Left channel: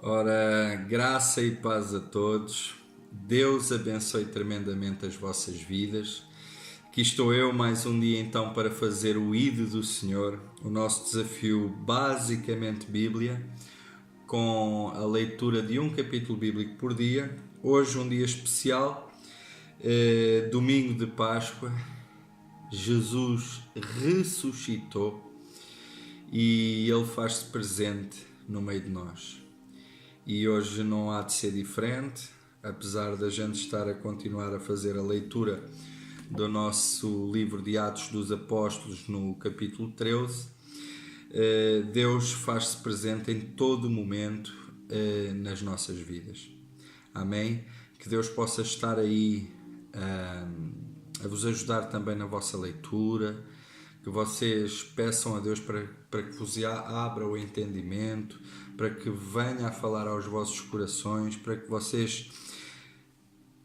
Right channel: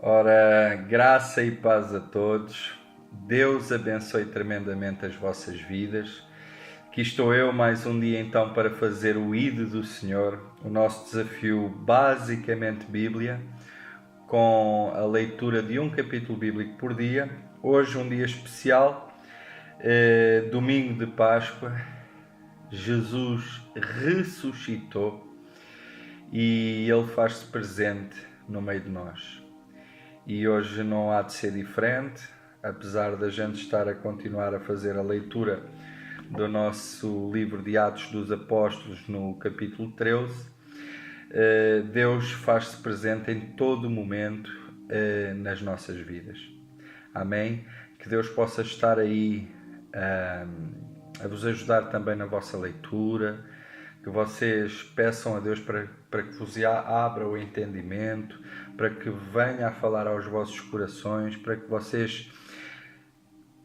Ora, graça e paz a todos. Deus abençoe tremendamente as vossas vidas. Aqui estou eu mais um dia então para fazer o ID do Senhor, o nosso desafio basicamente Bíblia, com a leitura de um capítulo bíblico por dia. Hoje um dia especial, domingo de Páscoa. Jesus ressuscitou e Ele faz-se presente no meio de nós. E hoje não há de ser diferente, apesar da gente estar a continuar a fazer a leitura do nosso livro de Atos dos Apóstolos no capítulo 13. Deus faz-se presente em todo momento nas nossas vidas. Amém? Que Deus possa estar aí a vos ajudar também na vossa leitura, que vocês peçam a Deus para que vos abra o entendimento, para que venha a falar aos vossos corações, para que vocês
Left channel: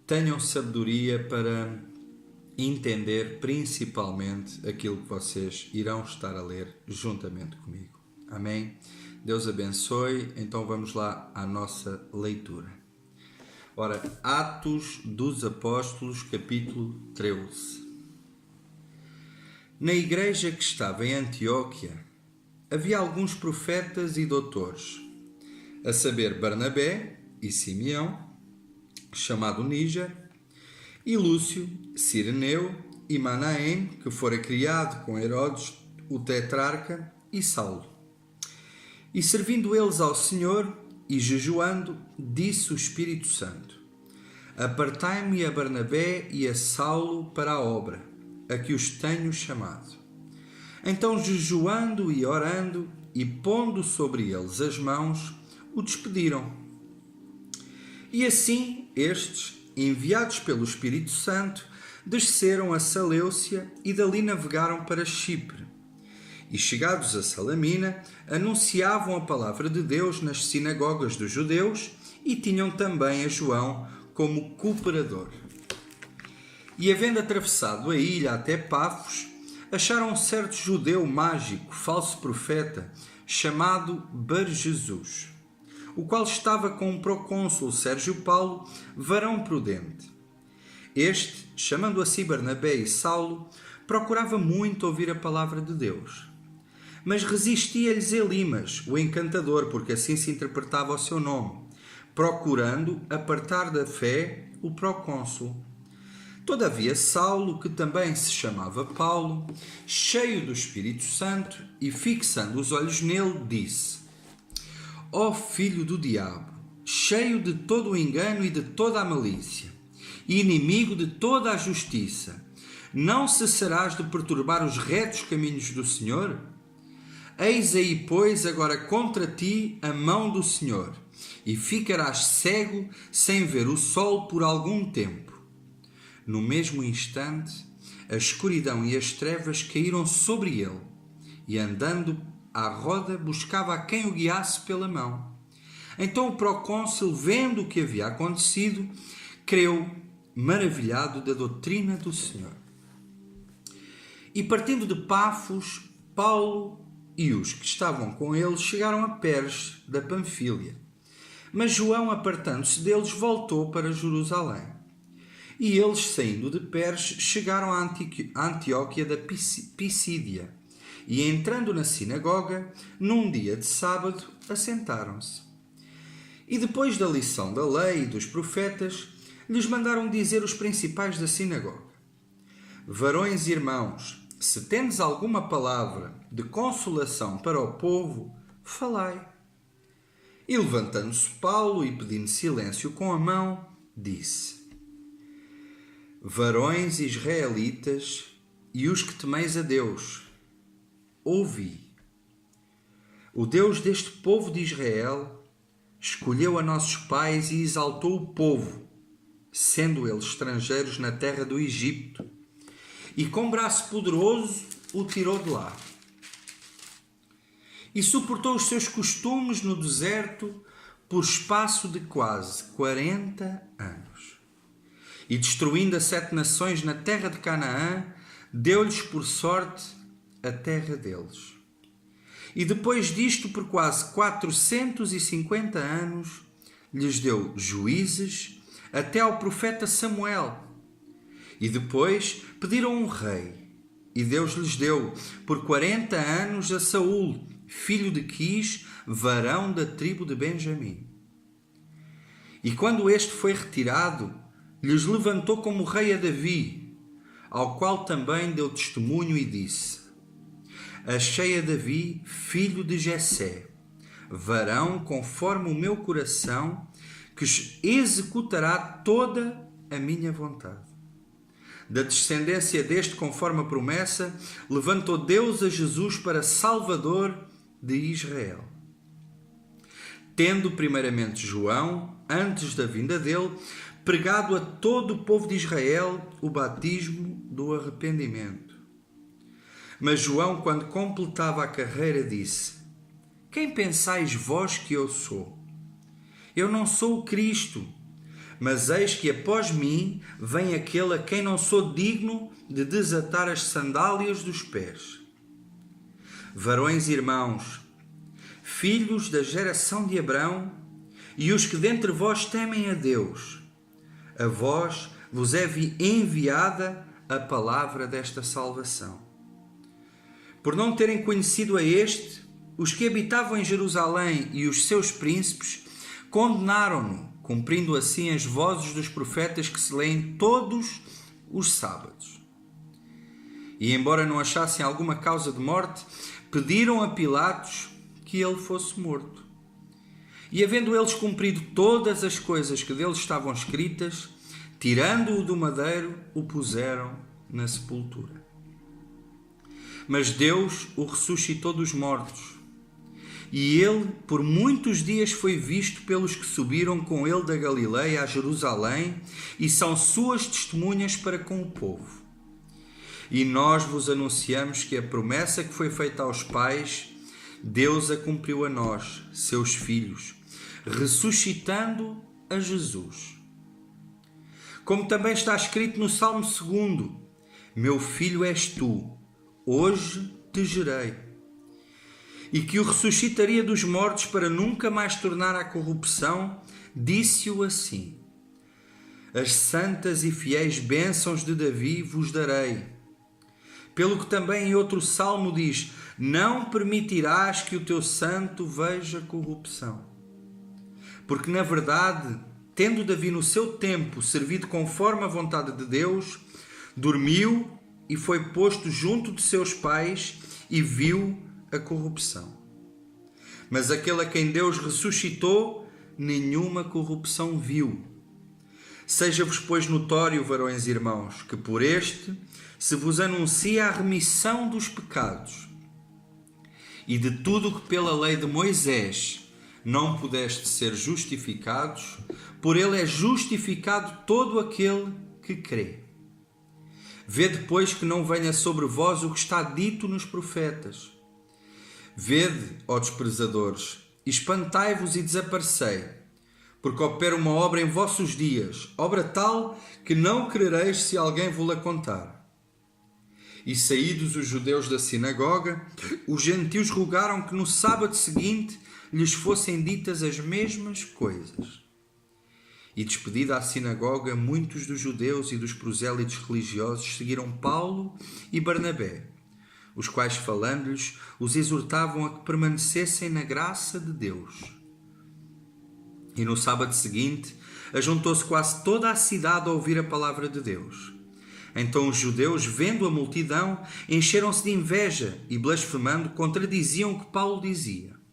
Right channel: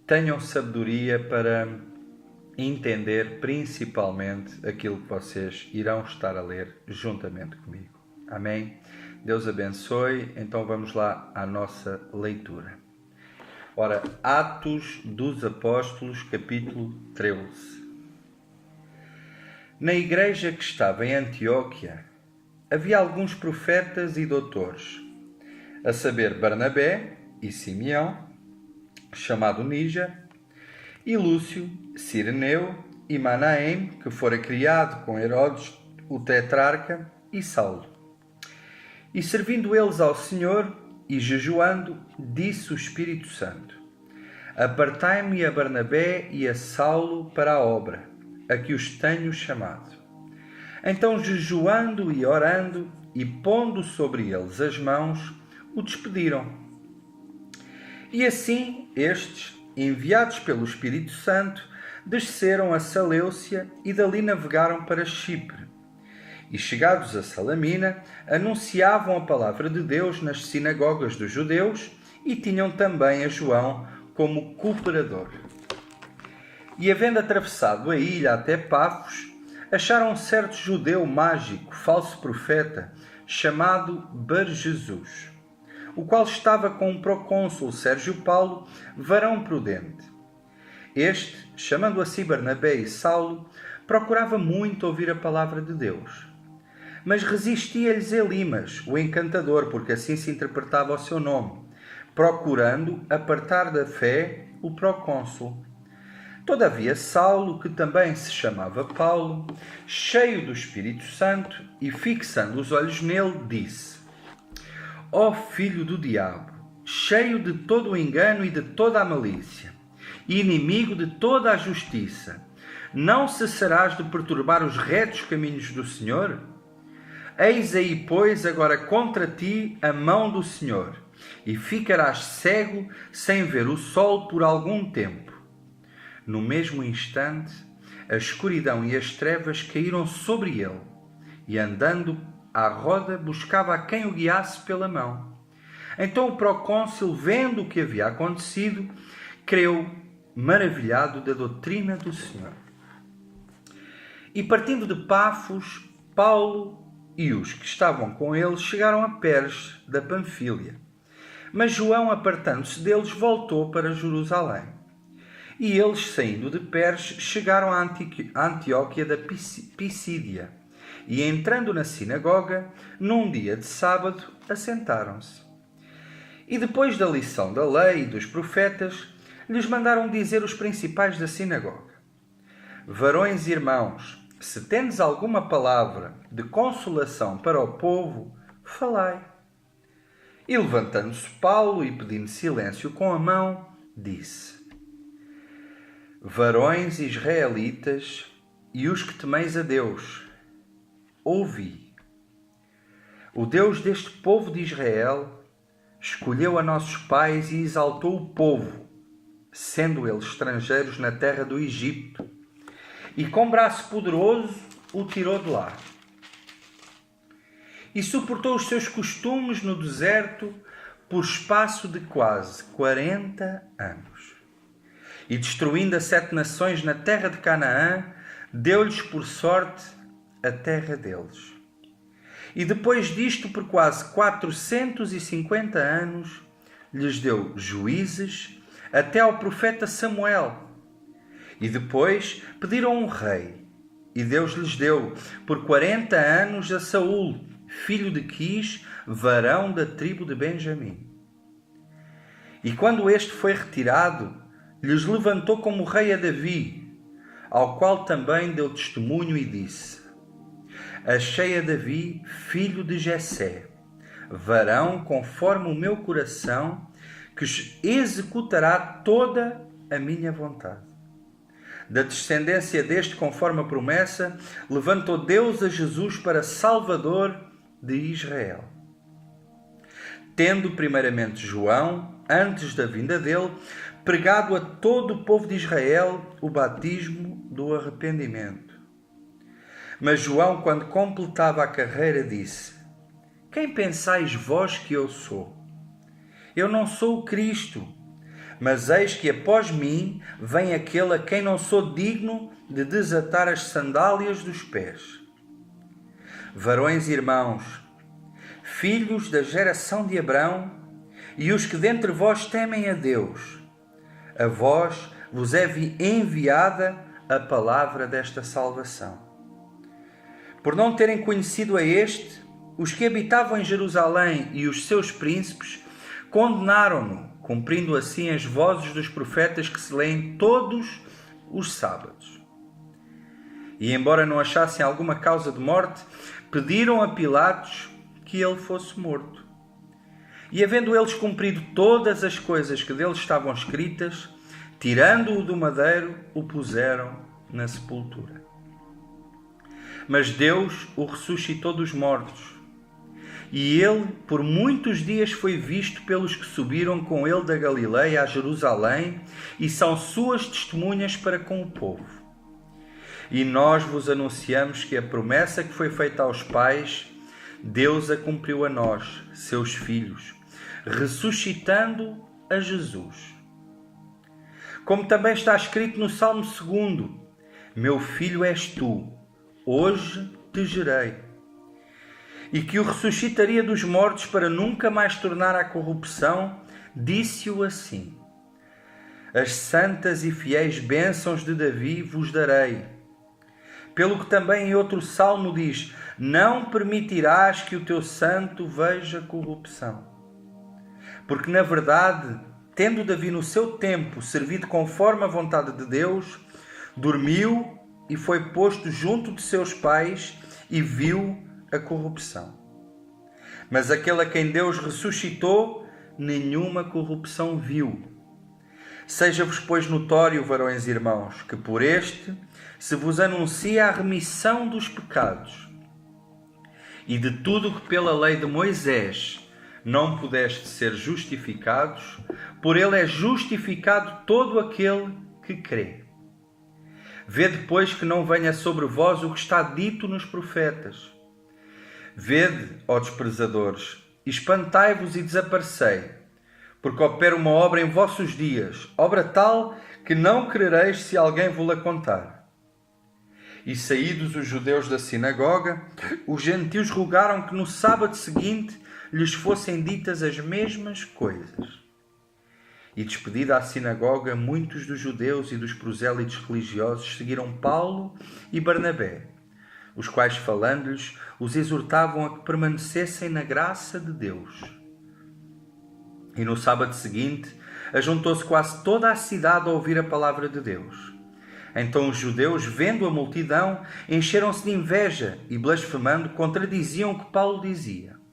tenham sabedoria para entender principalmente aquilo que vocês irão estar a ler juntamente comigo. Amém? Deus abençoe. Então vamos lá à nossa leitura. Ora, Atos dos Apóstolos, capítulo 13. Na igreja que estava em Antioquia, havia alguns profetas e doutores, a saber Barnabé e Simeão, chamado Níger, e Lúcio, Cireneu e Manaém, que fora criado com Herodes, o tetrarca, e Saulo. E servindo eles ao Senhor e jejuando, disse o Espírito Santo: Apartai-me a Barnabé e a Saulo para a obra, a que os tenho chamado. Então, jejuando e orando, e pondo sobre eles as mãos, o despediram. E assim, estes, enviados pelo Espírito Santo, desceram a Seleucia e dali navegaram para Chipre. E chegados a Salamina, anunciavam a palavra de Deus nas sinagogas dos judeus e tinham também a João como cooperador. E havendo atravessado a ilha até Pafos, acharam um certo judeu mágico, falso profeta, chamado Bar-Jesus, o qual estava com o procônsul Sérgio Paulo, varão prudente. Este, chamando a si Barnabé e Saulo, procurava muito ouvir a palavra de Deus. Mas resistia-lhes Elimas, o encantador, porque assim se interpretava o seu nome, procurando apartar da fé o procônsul. Todavia Saulo, que também se chamava Paulo, cheio do Espírito Santo e fixando os olhos nele, disse: Ó filho do diabo, cheio de todo o engano e de toda a malícia, e inimigo de toda a justiça, não cessarás de perturbar os retos caminhos do Senhor? Eis aí, pois, agora contra ti a mão do Senhor, e ficarás cego sem ver o sol por algum tempo. No mesmo instante, a escuridão e as trevas caíram sobre ele, e andando à roda buscava a quem o guiasse pela mão. Então o procônsul, vendo o que havia acontecido, creu, maravilhado da doutrina do Senhor. E partindo de Pafos, Paulo e os que estavam com ele chegaram a Perge da Panfília. Mas João, apartando-se deles, voltou para Jerusalém. E eles, saindo de Perge, chegaram a Antioquia da Pisídia. E entrando na sinagoga, num dia de sábado, assentaram-se. E depois da lição da lei e dos profetas, lhes mandaram dizer os principais da sinagoga: Varões e irmãos, se tendes alguma palavra de consolação para o povo, falai. E levantando-se Paulo e pedindo silêncio com a mão, disse: Varões israelitas e os que temeis a Deus, ouvi. O Deus deste povo de Israel escolheu a nossos pais e exaltou o povo, sendo eles estrangeiros na terra do Egito, e com braço poderoso o tirou de lá. E suportou os seus costumes no deserto por espaço de quase 40 anos. E destruindo as 7 nações na terra de Canaã, deu-lhes por sorte a terra deles. E depois disto, por quase 450 anos, lhes deu juízes até ao profeta Samuel. E depois pediram um rei. E Deus lhes deu por 40 anos a Saul, filho de Quis, varão da tribo de Benjamim. E quando este foi retirado, lhes levantou como rei a Davi, ao qual também deu testemunho e disse: Achei a Davi, filho de Jessé, varão conforme o meu coração, que executará toda a minha vontade. Da descendência deste, conforme a promessa, levantou Deus a Jesus para Salvador de Israel. Tendo primeiramente João, antes da vinda dele, pregado a todo o povo de Israel o batismo do arrependimento. Mas João, quando completava a carreira, disse: Quem pensais vós que eu sou? Eu não sou o Cristo, mas eis que após mim vem aquele a quem não sou digno de desatar as sandálias dos pés. Varões e irmãos, filhos da geração de Abrão, e os que dentre vós temem a Deus, a vós vos é enviada a palavra desta salvação. Por não terem conhecido a este, os que habitavam em Jerusalém e os seus príncipes condenaram-no, cumprindo assim as vozes dos profetas que se leem todos os sábados. E embora não achassem alguma causa de morte, pediram a Pilatos que ele fosse morto. E havendo eles cumprido todas as coisas que dele estavam escritas, tirando-o do madeiro, o puseram na sepultura. Mas Deus o ressuscitou dos mortos, e ele por muitos dias foi visto pelos que subiram com ele da Galileia a Jerusalém, e são suas testemunhas para com o povo. E nós vos anunciamos que a promessa que foi feita aos pais, Deus a cumpriu a nós, seus filhos, ressuscitando a Jesus. Como também está escrito no Salmo 2: Meu filho és tu, hoje te gerei. E que o ressuscitaria dos mortos para nunca mais tornar à corrupção, disse-o assim: As santas e fiéis bênçãos de Davi vos darei. Pelo que também em outro salmo diz: Não permitirás que o teu santo veja corrupção. Porque na verdade, tendo Davi no seu tempo servido conforme a vontade de Deus, dormiu e foi posto junto de seus pais e viu a corrupção. Mas aquele a quem Deus ressuscitou, nenhuma corrupção viu. Seja-vos, pois, notório, varões e irmãos, que por este se vos anuncia a remissão dos pecados. E de tudo o que pela lei de Moisés não pudeste ser justificados, por ele é justificado todo aquele que crê. Vede, pois, que não venha sobre vós o que está dito nos profetas. Vede, ó desprezadores, espantai-vos e desaparecei, porque opera uma obra em vossos dias, obra tal que não crereis se alguém vos-la contar. E saídos os judeus da sinagoga, os gentios rogaram que no sábado seguinte lhes fossem ditas as mesmas coisas. E despedida a sinagoga, muitos dos judeus e dos prosélitos religiosos seguiram Paulo e Barnabé, os quais, falando-lhes, os exortavam a que permanecessem na graça de Deus. E no sábado seguinte, ajuntou-se quase toda a cidade a ouvir a palavra de Deus. Então os judeus, vendo a multidão, encheram-se de inveja e, blasfemando, contradiziam o que Paulo dizia.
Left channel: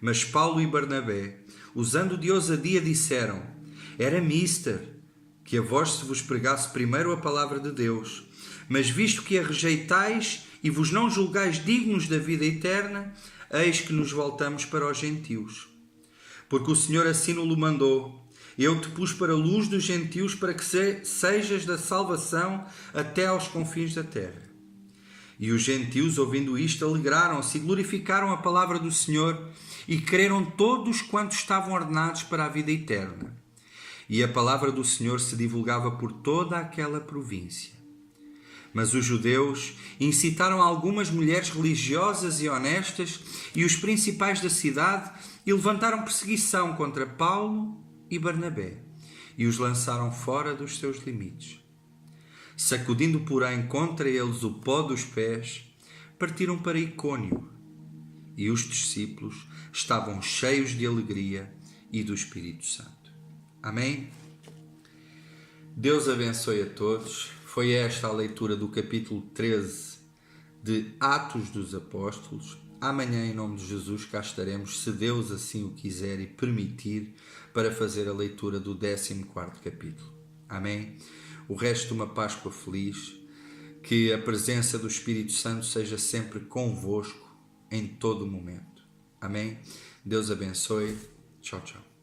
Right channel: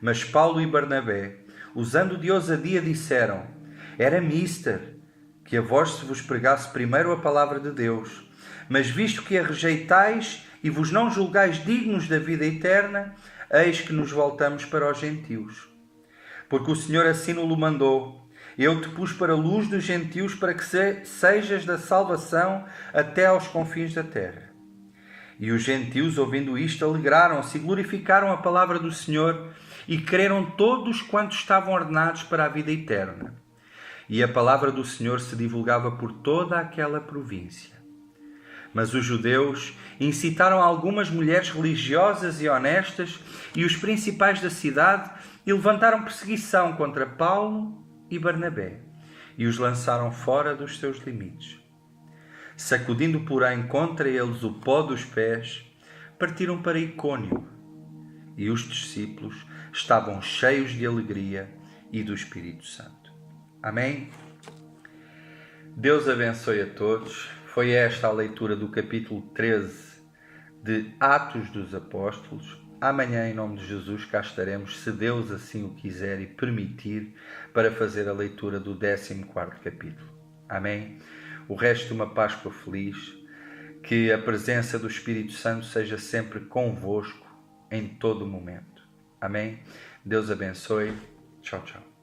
Mas Paulo e Barnabé, usando de ousadia, disseram: Era mister que a vós se vos pregasse primeiro a palavra de Deus, mas visto que a rejeitais e vos não julgais dignos da vida eterna, eis que nos voltamos para os gentios. Porque o Senhor assim nos mandou: Eu te pus para a luz dos gentios, para que sejas da salvação até aos confins da terra. E os gentios, ouvindo isto, alegraram-se e glorificaram a palavra do Senhor, e creram todos quantos estavam ordenados para a vida eterna. E a palavra do Senhor se divulgava por toda aquela província. Mas os judeus incitaram algumas mulheres religiosas e honestas e os principais da cidade e levantaram perseguição contra Paulo e Barnabé e os lançaram fora dos seus limites. Sacudindo, porém, contra eles o pó dos pés, partiram para Icônio. E os discípulos estavam cheios de alegria e do Espírito Santo. Amém? Deus abençoe a todos. Foi esta a leitura do capítulo 13 de Atos dos Apóstolos. Amanhã, em nome de Jesus, cá estaremos, se Deus assim o quiser e permitir, para fazer a leitura do 14º capítulo. Amém? O resto de uma Páscoa feliz. Que a presença do Espírito Santo seja sempre convosco em todo o momento. Amém? Deus abençoe. Tchau, tchau.